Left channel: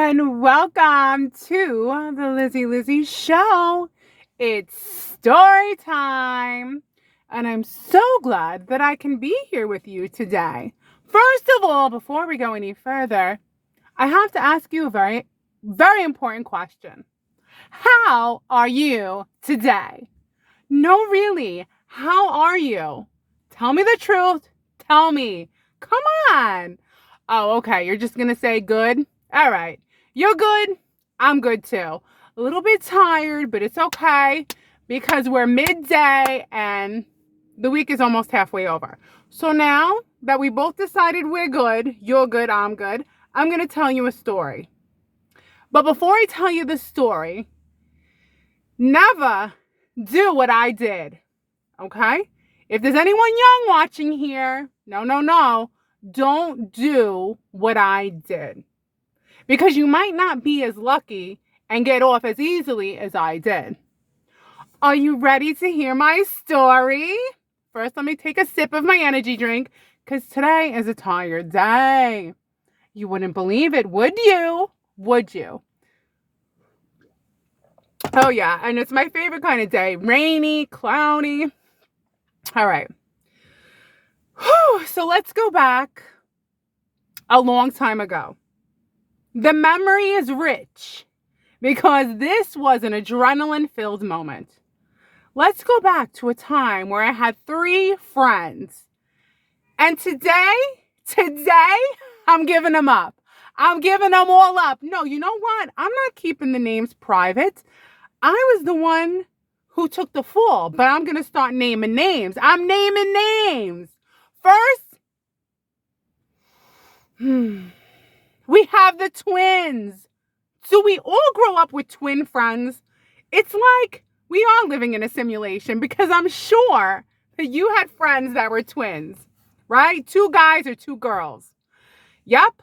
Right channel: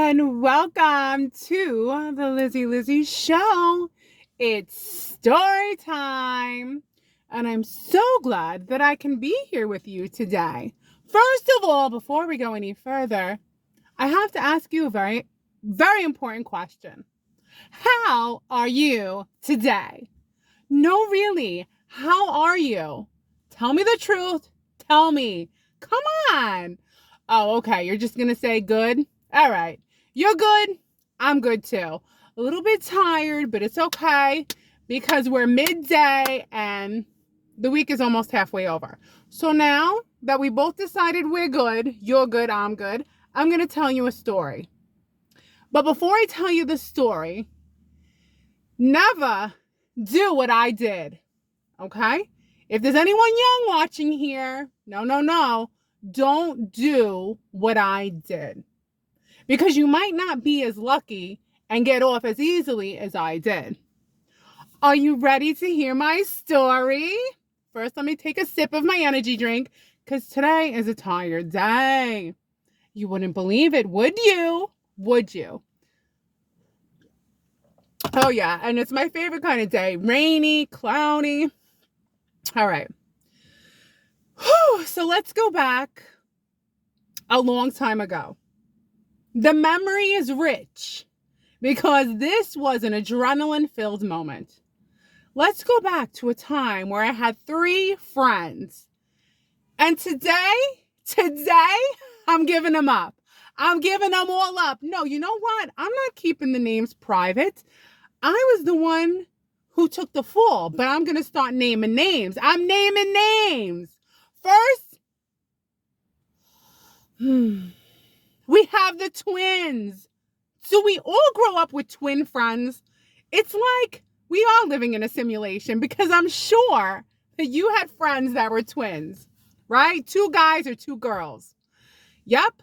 and welcome to the Lizzy Show. It's story time, and I'm so glad that I can be here with you today. First of all, before we go any further, I have to ask you a very, very important question. How are you today? No, really, how are you? Tell me the truth. Tell me. Come on. Oh, okay. You're just going to say good? All right. You're good. I'm good too. A little bit tired, but it's okay because we're midday and the week is almost halfway over. So now that we both decided we're good, you're good, I'm good, I'm going to tell you a story. But before I tell you the story, never do what I did. Okay? If there's anyone young watching here, no, don't do what I did. Because you might not be as lucky and get off as easily as I did. Are you ready to hear my story? First, let me take a sip of my energy drink because today is a tired day. You wouldn't believe it, would you? Would you? Oh, yeah, and it's my favorite kind of day. Rainy, cloudy. All right. Whew, so let's go back a long time ago. The memory is rich because this was an adrenaline-filled moment. Let's go back to a time where I had 3 friends. And today, I'm giving them up. I'm giving them all up. No, you know what? I'm not keeping the names private. I was the one who took the fall, but I'm going to start naming names. I'm naming names. First, we have the twins. Do we all grow up with twin friends? It's like we are living in a simulation because I'm sure that you had friends that were twins, right? 2 guys or 2 girls. Yep.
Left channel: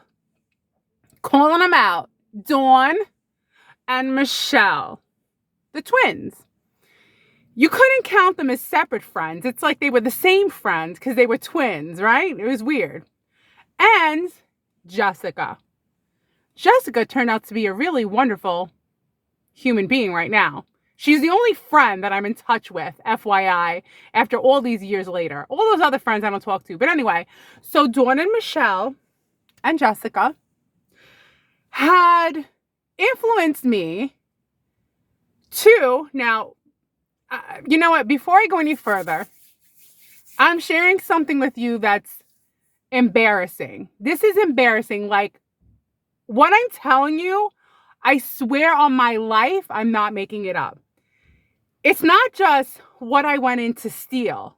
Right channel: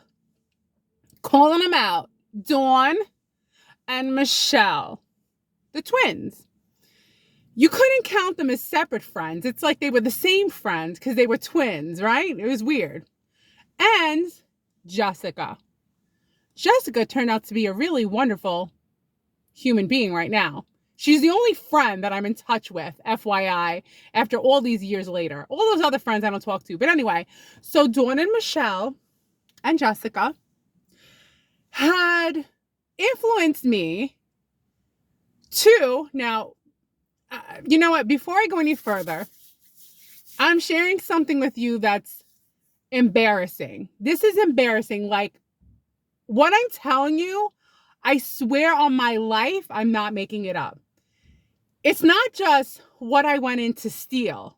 Calling them out. Dawn and Michelle, the twins. You couldn't count them as separate friends. It's like they were the same friends because they were twins, right? It was weird. And Jessica. Jessica turned out to be a really wonderful human being right now. She's the only friend that I'm in touch with, FYI, after all these years later. All those other friends I don't talk to. But anyway, so Dawn and Michelle and Jessica had influenced me to, now, you know what? Before I go any further, I'm sharing something with you that's embarrassing. This is embarrassing. Like, what I'm telling you, I swear on my life, I'm not making it up. It's not just what I went in to steal,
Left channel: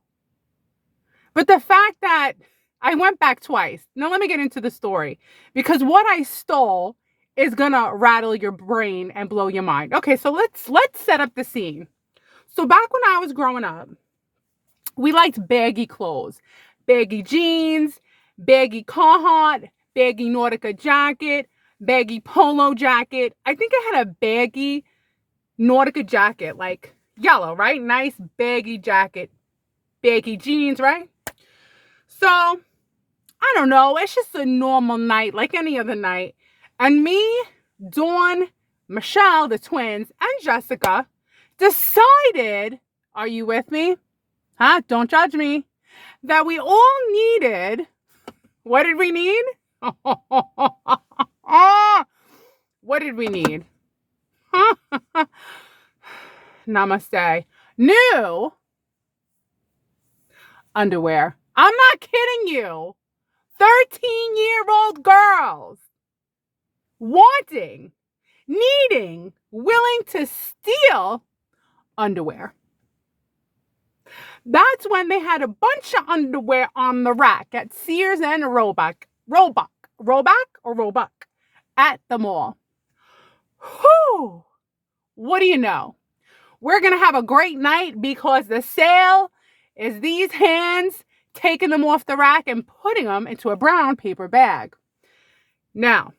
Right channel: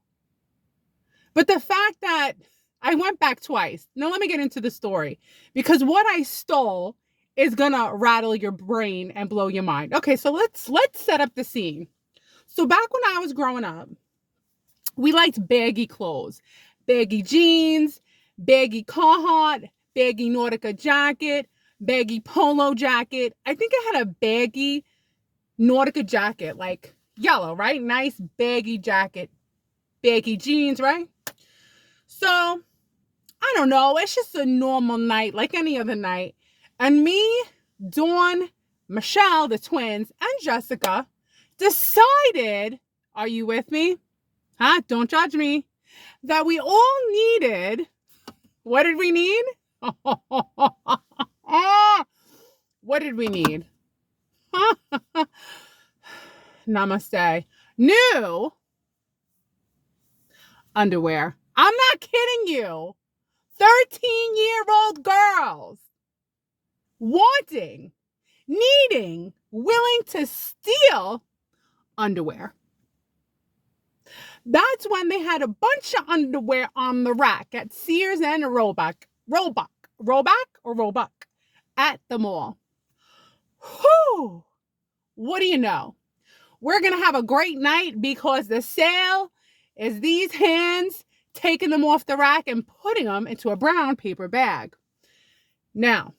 but the fact that I went back twice. Now, let me get into the story because what I stole is going to rattle your brain and blow your mind. Okay, so let's set up the scene. So back when I was growing up, we liked baggy clothes, baggy jeans, baggy Carhartt, baggy Nautica jacket, baggy polo jacket. I think I had a baggy Nautica jacket, like yellow, right? Nice baggy jacket, baggy jeans, right? So, I don't know. It's just a normal night, like any other night. And me, Dawn, Michelle, the twins, and Jessica decided, are you with me? Huh? Don't judge me. That we all needed, what did we need? What did we need? Namaste. New underwear. I'm not kidding you. 13-year-old girls wanting, needing, willing to steal underwear. That's when they had a bunch of underwear on the rack at Sears and Roebuck at the mall. Whew. What do you know? We're going to have a great night because the sale is these hands taking them off the rack and putting them into a brown paper bag. Now,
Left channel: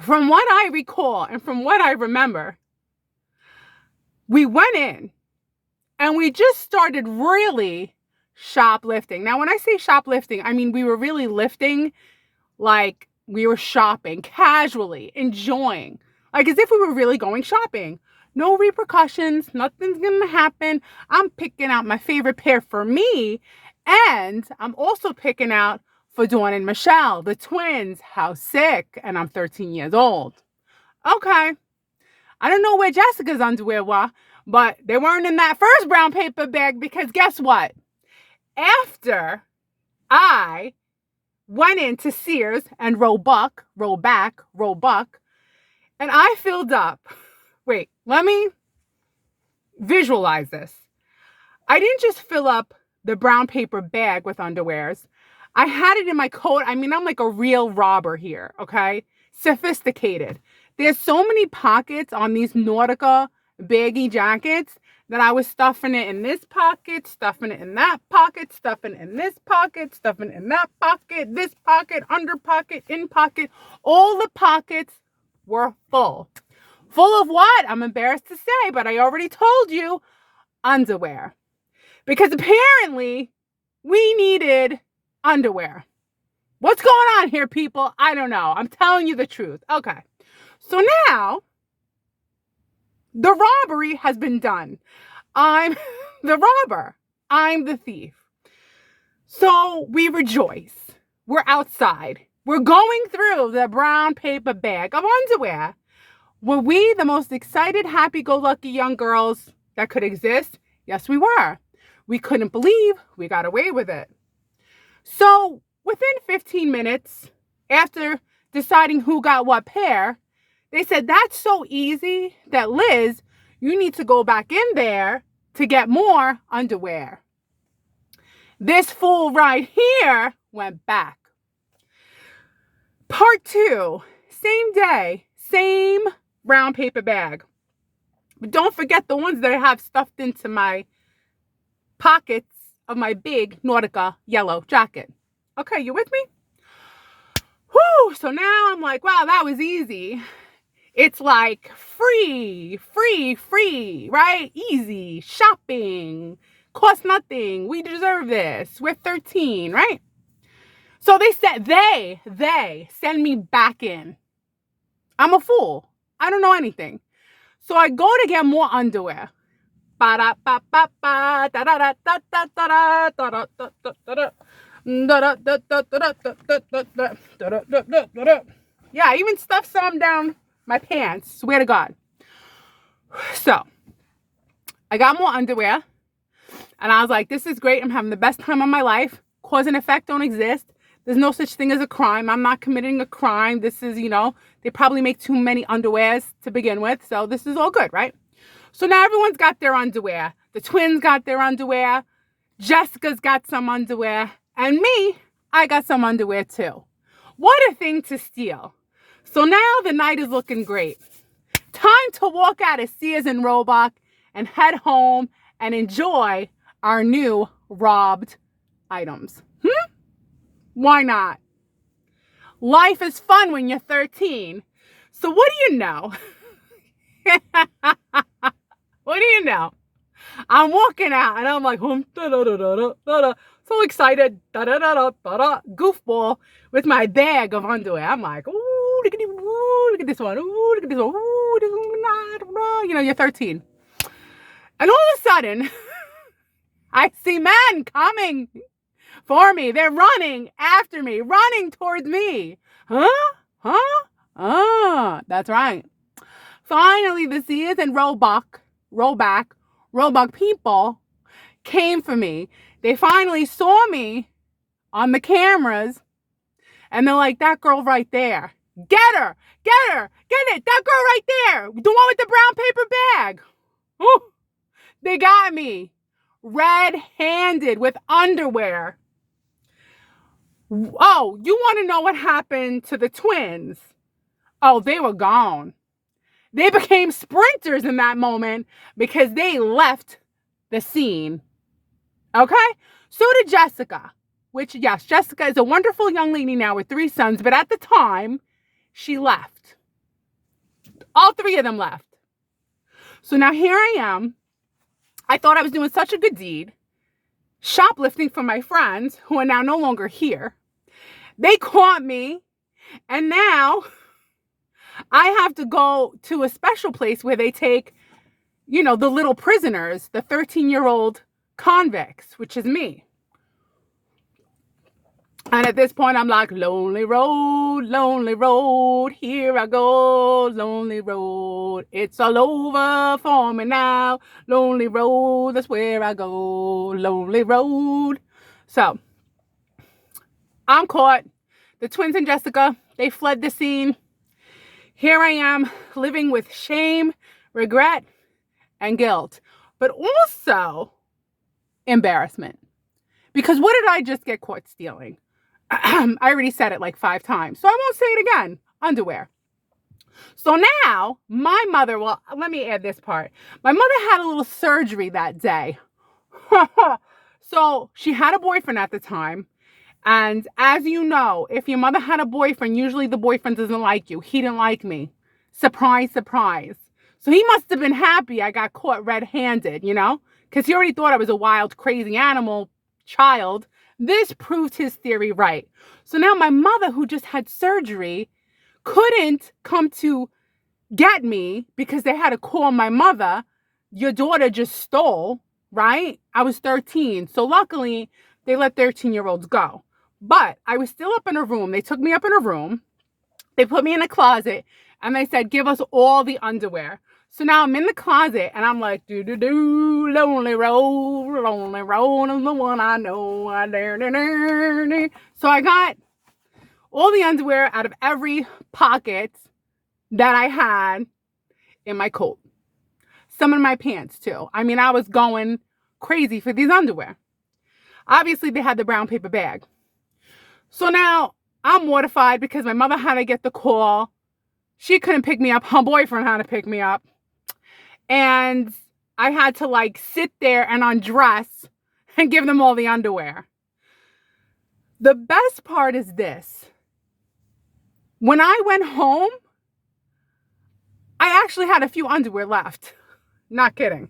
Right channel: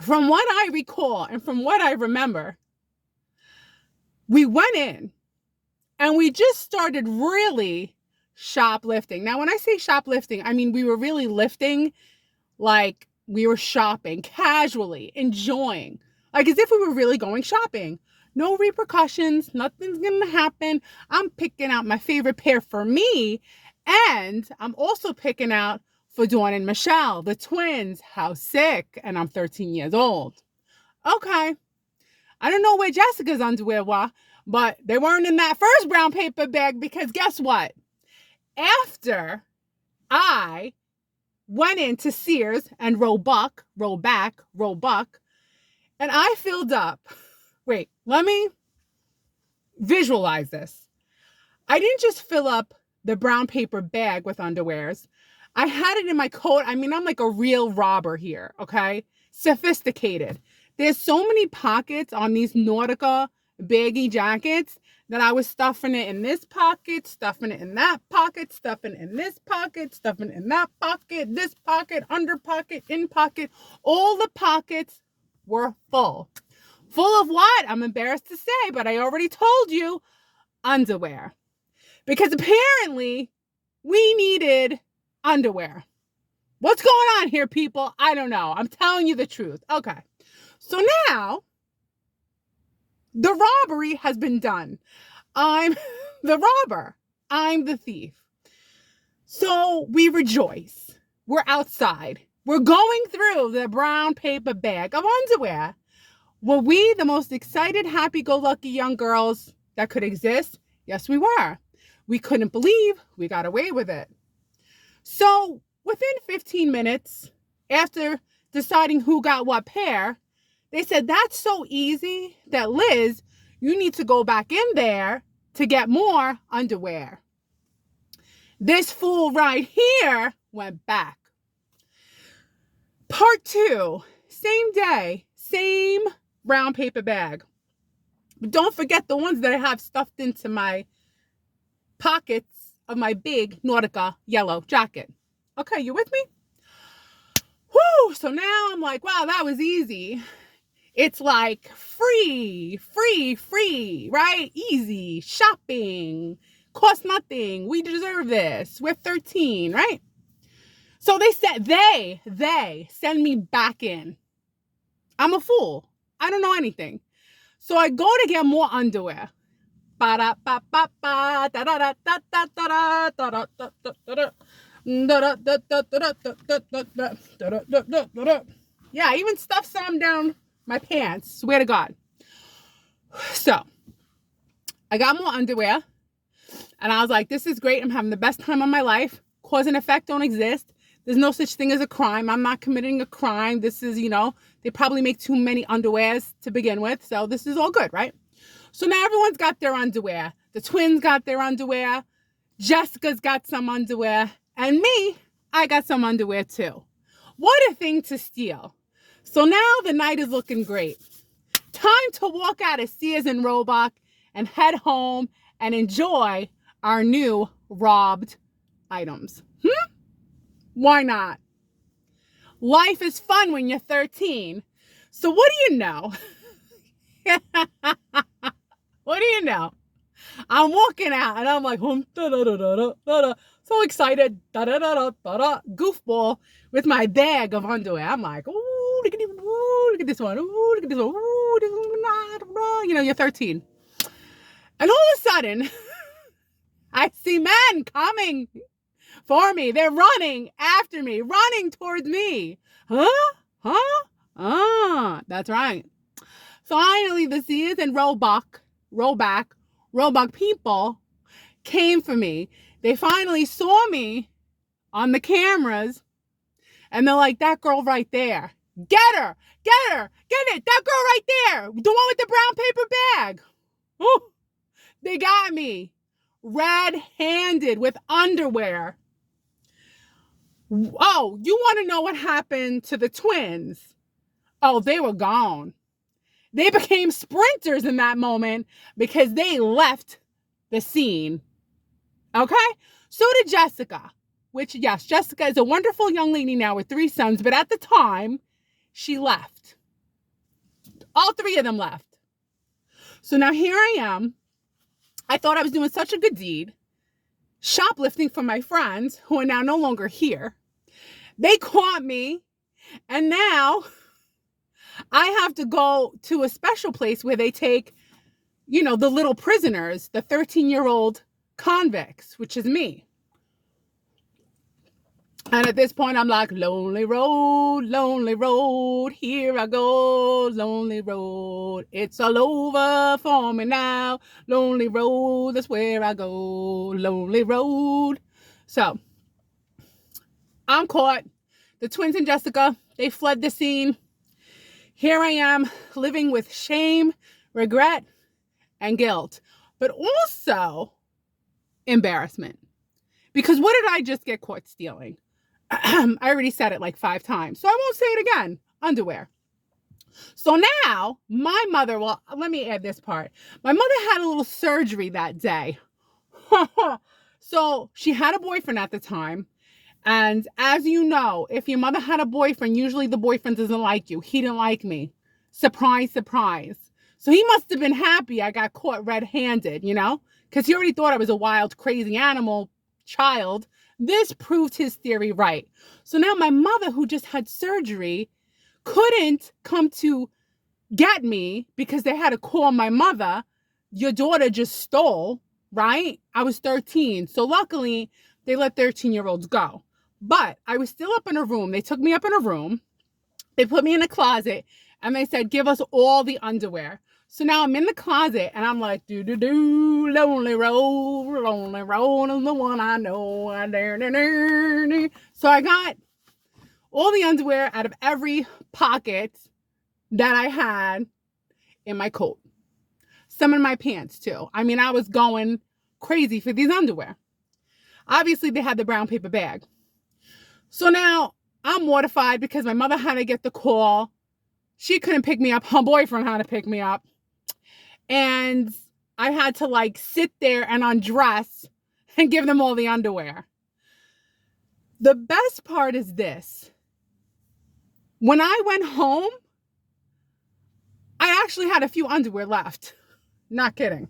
from what I recall and from what I remember, we went in and we just started really shoplifting. Now, when I say shoplifting, I mean we were really lifting like we were shopping casually, enjoying, like as if we were really going shopping. No repercussions, nothing's gonna happen. I'm picking out my favorite pair for me, and I'm also picking out for Dawn and Michelle, the twins. How sick, and I'm 13 years old. Okay, I don't know where Jessica's underwear were, but they weren't in that first brown paper bag, because guess what? After I went into Sears and Roebuck, and I filled up. Wait, let me visualize this. I didn't just fill up the brown paper bag with underwears. I had it in my coat. I mean, I'm like a real robber here, okay? Sophisticated. There's so many pockets on these Nautica baggy jackets that I was stuffing it in this pocket, stuffing it in that pocket, stuffing it in this pocket, stuffing it in that pocket, this pocket, under pocket, in pocket. All the pockets were full. Full of what? I'm embarrassed to say, but I already told you, underwear. Because apparently we needed underwear. What's going on here, people? I don't know. I'm telling you the truth. Okay. So now the robbery has been done. I'm the robber. I'm the thief. So we rejoice. We're outside. We're going through the brown paper bag of underwear. Were we the most excited, happy-go-lucky young girls that could exist? Yes, we were. We couldn't believe we got away with it. So within 15 minutes, after deciding who got what pair, they said, that's so easy that, Liz, you need to go back in there to get more underwear. This fool right here went back. Part 2, same day, same brown paper bag. But don't forget the ones that I have stuffed into my pockets of my big Nautica yellow jacket. Okay, you with me? Whew, so now I'm like, wow, that was easy. It's like free, right? Easy, shopping, cost nothing. We deserve this. We're 13, right? So they said, they send me back in. I'm a fool. I don't know anything. So I go to get more underwear. Yeah, I even stuffed some down my pants. Swear to God. So I got more underwear. And I was like, this is great. I'm having the best time of my life. Cause and effect don't exist. There's no such thing as a crime. I'm not committing a crime. This is, they probably make too many underwears to begin with. So this is all good, right? So now everyone's got their underwear. The twins got their underwear. Jessica's got some underwear. And me, I got some underwear too. What a thing to steal. So now the night is looking great. Time to walk out of Sears and Roebuck and head home and enjoy our new robbed items. Why not? Life is fun when you're 13. So what do you know? What do you know? I'm walking out and I'm like, so excited, goofball with my bag of underwear. I'm like, ooh, look at this one, ooh, look at this one, ooh, this one, you're 13. And all of a sudden, I see men coming for me. They're running after me, running towards me. That's right. Finally, the Sears and Roebuck people came for me. They finally saw me on the cameras, and they're like, that girl right there. Get her, get it. That girl right there, the one with the brown paper bag. Ooh, they got me red-handed with underwear. Oh, you want to know what happened to the twins? Oh, they were gone. They became sprinters in that moment because they left the scene. Okay? So did Jessica, which, yes, Jessica is a wonderful young lady now with 3 sons, but at the time, she left. All 3 of them left. So now here I am. I thought I was doing such a good deed, shoplifting from my friends who are now no longer here. They caught me. And now I have to go to a special place where they take, the little prisoners, the 13-year-old convicts, which is me. And at this point, I'm like, lonely road, here I go, lonely road. It's all over for me now. Lonely road, that's where I go, lonely road. So, I'm caught. The twins and Jessica, they fled the scene. Here I am, living with shame, regret, and guilt, but also embarrassment. Because what did I just get caught stealing? I already said it like 5 times, so I won't say it again. Underwear. So now, my mother, well, let me add this part. My mother had a little surgery that day. So she had a boyfriend at the time. And as you know, if your mother had a boyfriend, usually the boyfriend doesn't like you. He didn't like me. Surprise, surprise. So he must have been happy I got caught red-handed, because he already thought I was a wild, crazy animal child. This proved his theory right. So now my mother, who just had surgery, couldn't come to get me because they had to call my mother. Your daughter just stole, right? I was 13. So luckily, they let 13-year-olds go. But I was still up in a room. They took me up in a room. They put me in a closet. And they said, give us all the underwear. So now I'm in the closet and I'm like, lonely road is the one I know. So I got all the underwear out of every pocket that I had in my coat. Some in my pants too. I mean, I was going crazy for these underwear. Obviously, they had the brown paper bag. So now I'm mortified because my mother had to get the call. She couldn't pick me up. Her boyfriend had to pick me up. And I had to sit there and undress and give them all the underwear. The best part is this. When I went home, I actually had a few underwear left. Not kidding.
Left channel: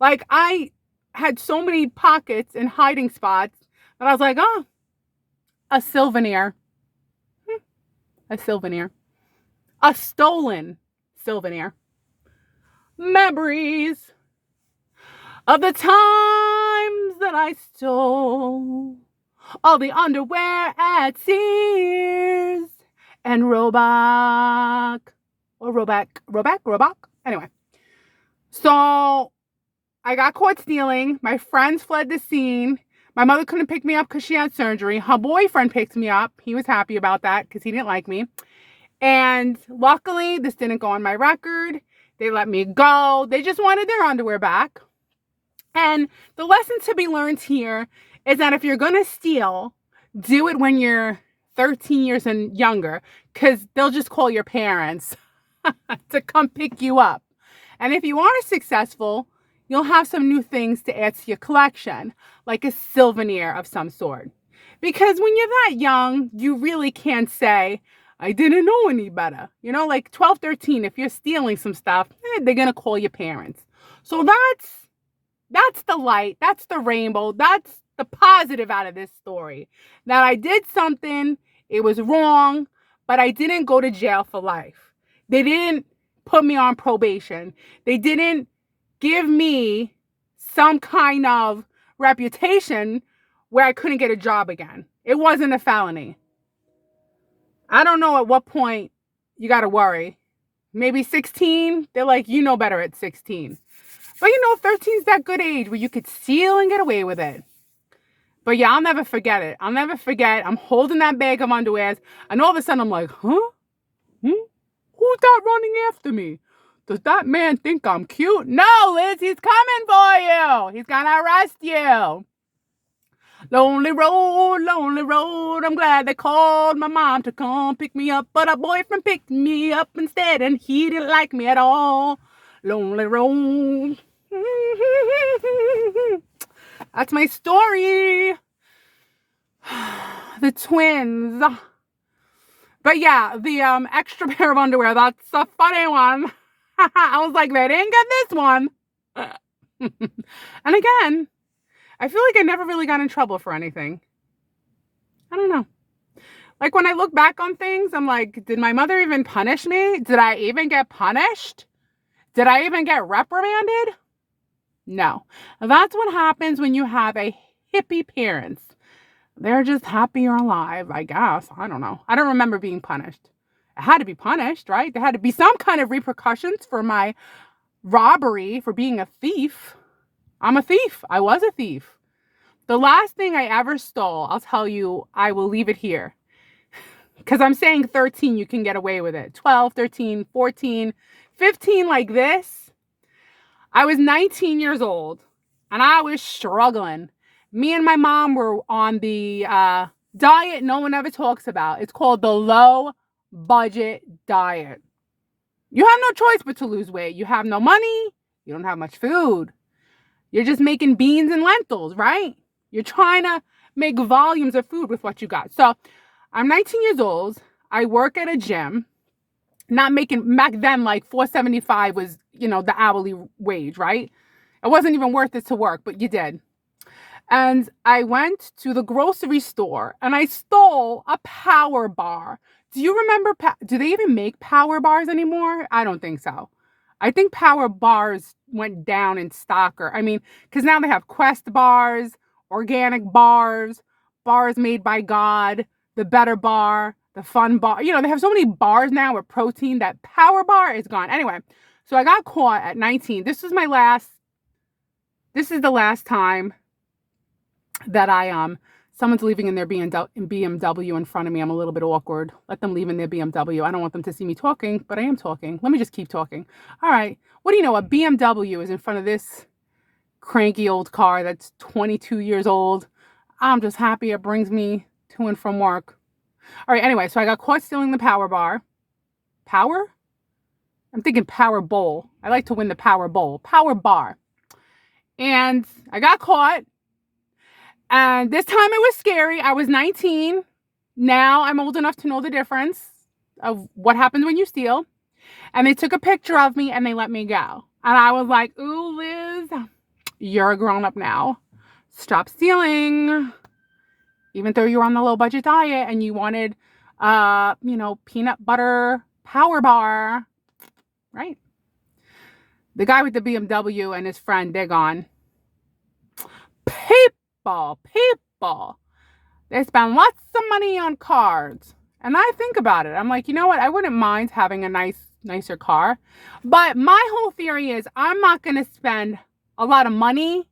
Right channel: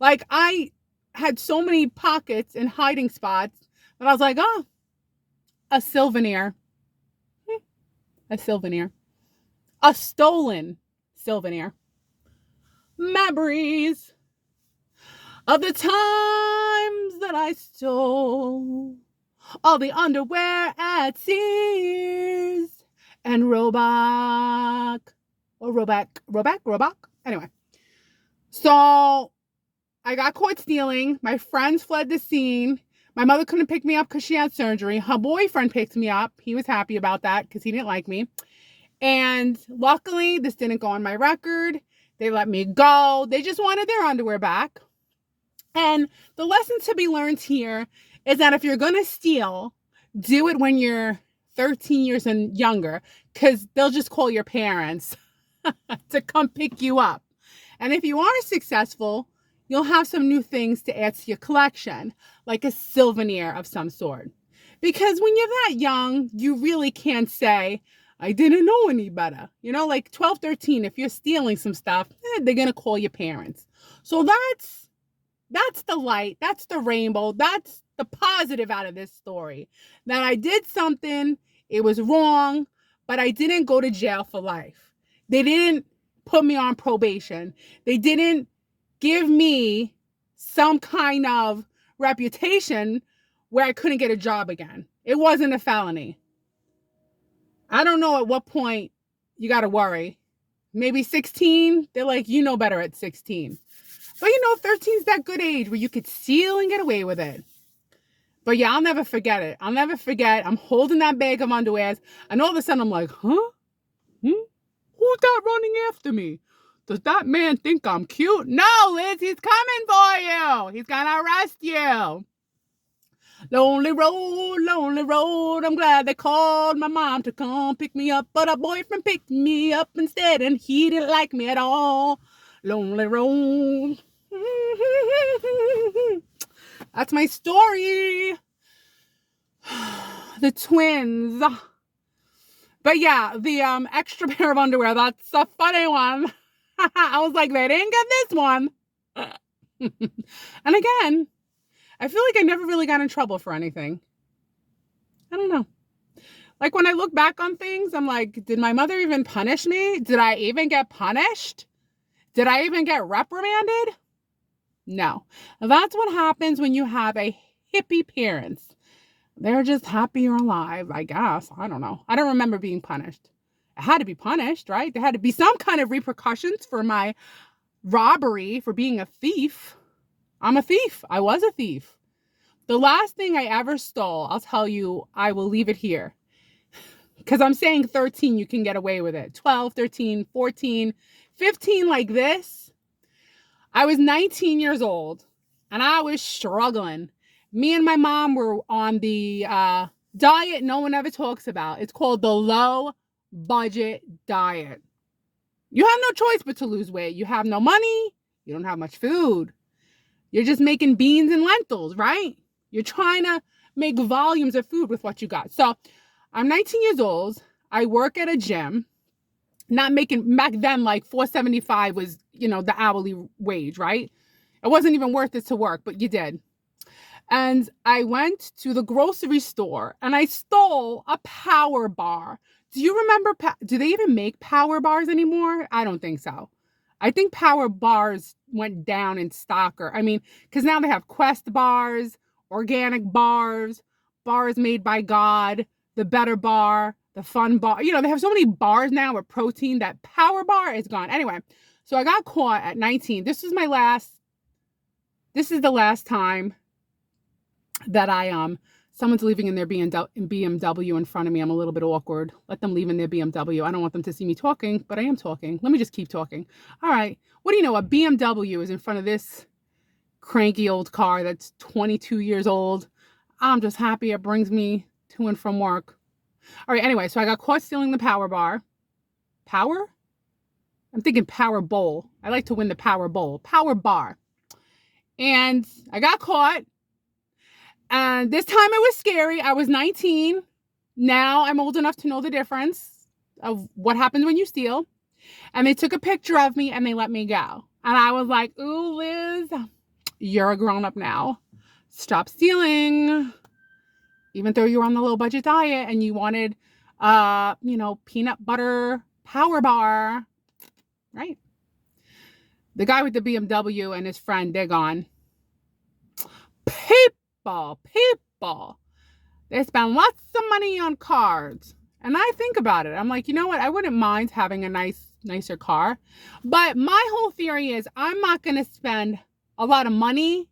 I had so many pockets and hiding spots that I was like, oh, a souvenir. A souvenir. A stolen souvenir. Memories of the times that I stole all the underwear at Sears and Roebuck. Anyway, so I got caught stealing. My friends fled the scene. My mother couldn't pick me up because she had surgery. Her boyfriend picked me up. He was happy about that because he didn't like me. And luckily, this didn't go on my record. They let me go. They just wanted their underwear back. And the lesson to be learned here is that if you're going to steal, do it when you're 13 years and younger, because they'll just call your parents to come pick you up. And if you are successful, you'll have some new things to add to your collection, like a souvenir of some sort. Because when you're that young, you really can't say, I didn't know any better. 12, 13, if you're stealing some stuff, they're going to call your parents. So that's the light. That's the rainbow. That's the positive out of this story. That I did something, it was wrong, but I didn't go to jail for life. They didn't put me on probation. They didn't give me some kind of reputation where I couldn't get a job again. It wasn't a felony. I don't know at what point you got to worry. Maybe 16. They're like, you know better at 16. But 13 is that good age where you could steal and get away with it. But yeah, I'll never forget it. I'll never forget. I'm holding that bag of underwears. And all of a sudden I'm like, huh? Who's that running after me? Does that man think I'm cute? No, Liz, he's coming for you. He's going to arrest you. Lonely road, I'm glad they called my mom to come pick me up, but a boyfriend picked me up instead, and he didn't like me at all. Lonely road. That's my story. The twins. But yeah, the extra pair of underwear, that's a funny one. I was like, they didn't get this one. And again, I feel like I never really got in trouble for anything. I don't know. Like when I look back on things, I'm like, did my mother even punish me? Did I even get punished? Did I even get reprimanded? No. That's what happens when you have a hippie parents. They're just happy or alive, I guess. I don't know. I don't remember being punished. I had to be punished, right? There had to be some kind of repercussions for my robbery, for being a thief. I'm a thief. I was a thief. The last thing I ever stole, I'll tell you, I will leave it here. Because I'm saying 13, you can get away with it. 12, 13, 14, 15 like this. I was 19 years old and I was struggling. Me and my mom were on the diet no one ever talks about. It's called the low budget diet. You have no choice but to lose weight. You have no money. You don't have much food. You're just making beans and lentils, right? You're trying to make volumes of food with what you got. So I'm 19 years old. I work at a gym. Not making, back then, like $4.75 was, the hourly wage, right? It wasn't even worth it to work, but you did. And I went to the grocery store and I stole a power bar. Do you remember, do they even make power bars anymore? I don't think so. I think power bars went down in stock, because now they have Quest bars, organic bars, bars made by God, the better bar, the fun bar. They have so many bars now with protein that power bar is gone. Anyway, so I got caught at 19. This is the last time that someone's leaving in their BMW in front of me. I'm a little bit awkward. Let them leave in their BMW. I don't want them to see me talking, but I am talking. Let me just keep talking. All right. What do you know? A BMW is in front of this cranky old car that's 22 years old. I'm just happy it brings me to and from work. All right. Anyway, so I got caught stealing the power bar. Power? I'm thinking power bowl. I like to win the power bowl. Power bar. And I got caught. And this time it was scary. I was 19. Now I'm old enough to know the difference of what happens when you steal. And they took a picture of me and they let me go. And I was like, ooh, Liz, you're a grown-up now. Stop stealing. Even though you were on the low budget diet and you wanted, peanut butter power bar, right? The guy with the BMW and his friend, they're gone. People, they spend lots of money on cars. And I think about it. I'm like, you know what? I wouldn't mind having a nicer car. But my whole theory is I'm not going to spend a lot of money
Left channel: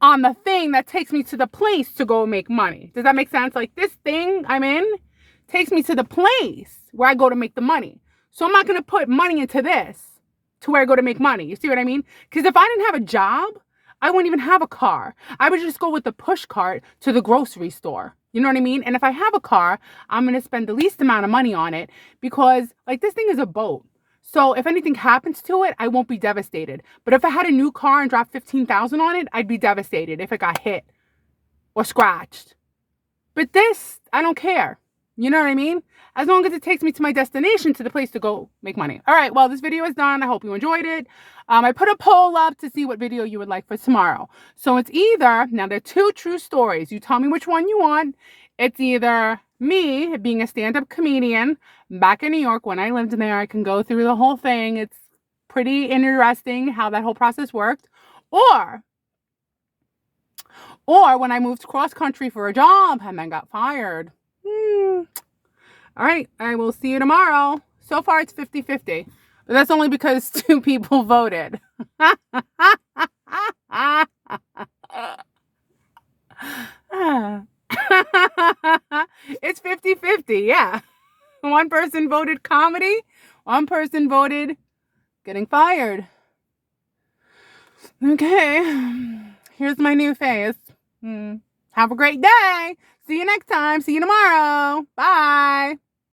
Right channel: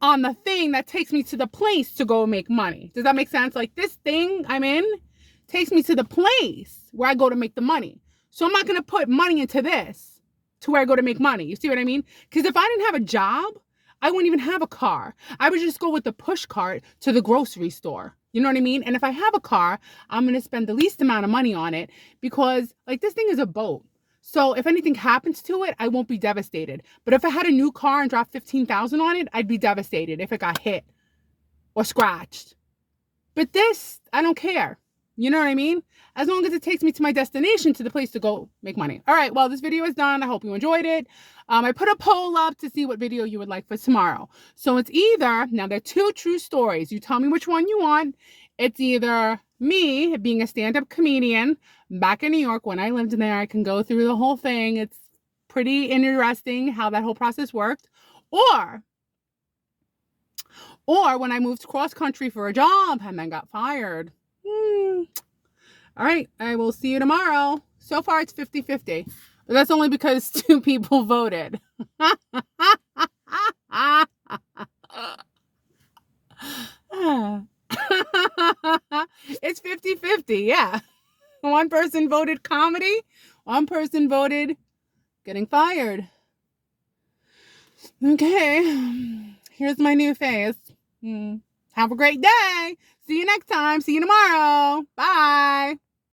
on the thing that takes me to the place to go make money. Does that make sense? Like this thing I'm in takes me to the place where I go to make the money. So I'm not going to put money into this to where I go to make money. You see what I mean? Because if I didn't have a job, I wouldn't even have a car. I would just go with the push cart to the grocery store. You know what I mean? And if I have a car, I'm going to spend the least amount of money on it because this thing is a boat. So if anything happens to it, I won't be devastated. But if I had a new car and dropped $15,000 on it, I'd be devastated if it got hit or scratched. But this, I don't care. You know what I mean? As long as it takes me to my destination, to the place to go make money. All right, well, this video is done. I hope you enjoyed it. I put a poll up to see what video you would like for tomorrow. So it's either, now there are two true stories. You tell me which one you want. It's either me being a stand-up comedian back in New York when I lived there. I can go through the whole thing. It's pretty interesting how that whole process worked. Or when I moved cross country for a job and then got fired. All right, I will see you tomorrow. So far, it's 50-50. But that's only because 2 people voted. It's 50-50, yeah. One person voted comedy. One person voted getting fired. Okay, here's my new face. Have a great day. See you next time. See you tomorrow. Bye.